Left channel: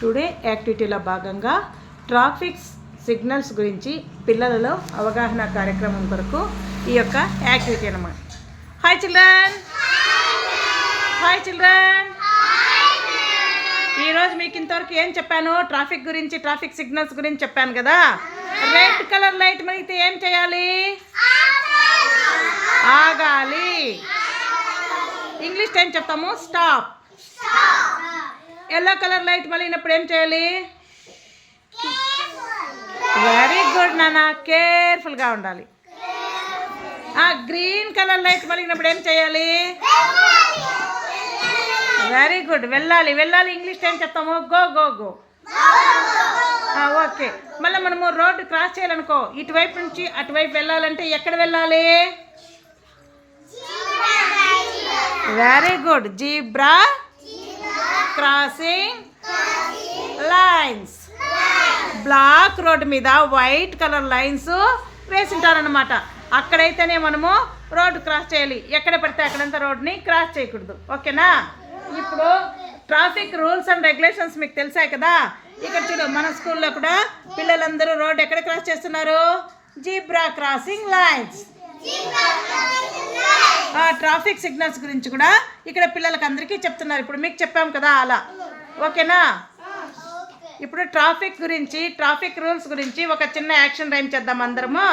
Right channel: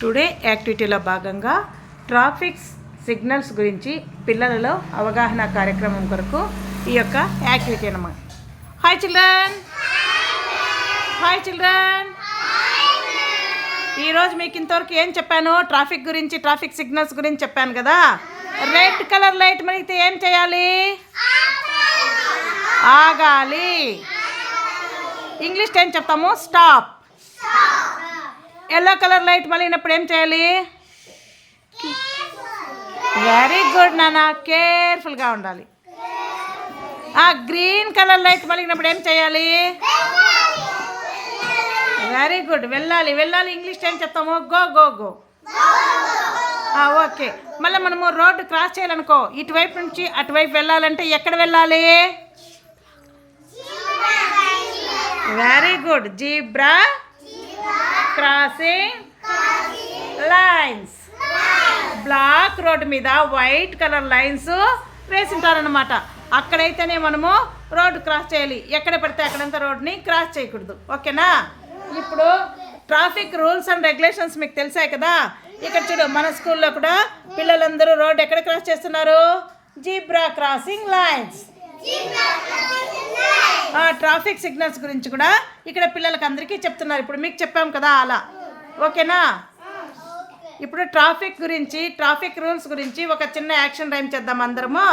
Today యాక్టివిటీలో భాగంగా traffic signals గురించి పిల్లలలో అవగాహన కార్యక్రమం కొరకు ఈ యొక్క యాక్టివిటీ అన్నమాట. Hi children, hi children. ఈరోజు మీకు ఇంతవరకు ఏం చెప్పాను? ట్రాఫిక్ గురించి, ట్రాఫిక్ సిగ్నల్స్ గురించి చెప్పాను కదా. రెడ్ కలర్ లైట్ మరిగితే ఏం చేయాలి? ఆగాలి. ఇంగ్లీష్ టైం చెప్తాము, స్టాప్. ఎల్లో కలర్ లైట్ మళ్ళీనప్పుడు ఏం చేయాలి? వెరీ గుడ్ నాన్న, కేర్ఫుల్గా ఉండాలి. గ్రీన్ కలర్ లైట్ మళ్ళీనప్పుడు ఏం చేయాలి? వెరీ గుడ్, వెళ్ళాలి వెళ్ళాలి. ఇంగ్లీష్ టైం చెప్తాము, గో గో గో. ఓకే. మళ్ళీ మనము రోడ్డు క్రాస్ చేయాలనుకో, ఇటువైపు నుంచి అటువైపు వెళ్ళాలంటే ఎక్కడ వెళ్ళాలి? Very good, zebra crossing lines. Black road మీద వైట్ కలర్ లైన్స్ వేసింటారనమాట. అక్కడైతేనే మనము రోడ్డు క్రాస్ చేయాలి. ఎక్కడ పడితే అక్కడంతా రోడ్ని క్రాస్ చేయకూడదు. ఓకేనా? ఇప్పుడు ట్రాఫిక్ రూల్స్ అండ్ రెగ్యులేషన్స్ మీకు తెలిసాయి కదా. ఇక్కడ చూడు, మన స్కూల్లో కూడా పిల్లలందరూ రోడ్డు ఎక్కడ క్రాస్ చేస్తున్నారు? Zebra crossing lines. Traffic signals గురించి కూడా ఇక్కడ పిల్లలకి అందరికీ చెప్తున్నారు. ఇప్పుడు మీకు చెప్పాం కదా అలా. ఓకేనా? ఇప్పుడు ట్రాఫిక్ గురించి, ట్రాఫిక్ రూల్స్ గురించి ఒక చిన్న యాక్షన్ రైమ్ చేద్దాం అందరము.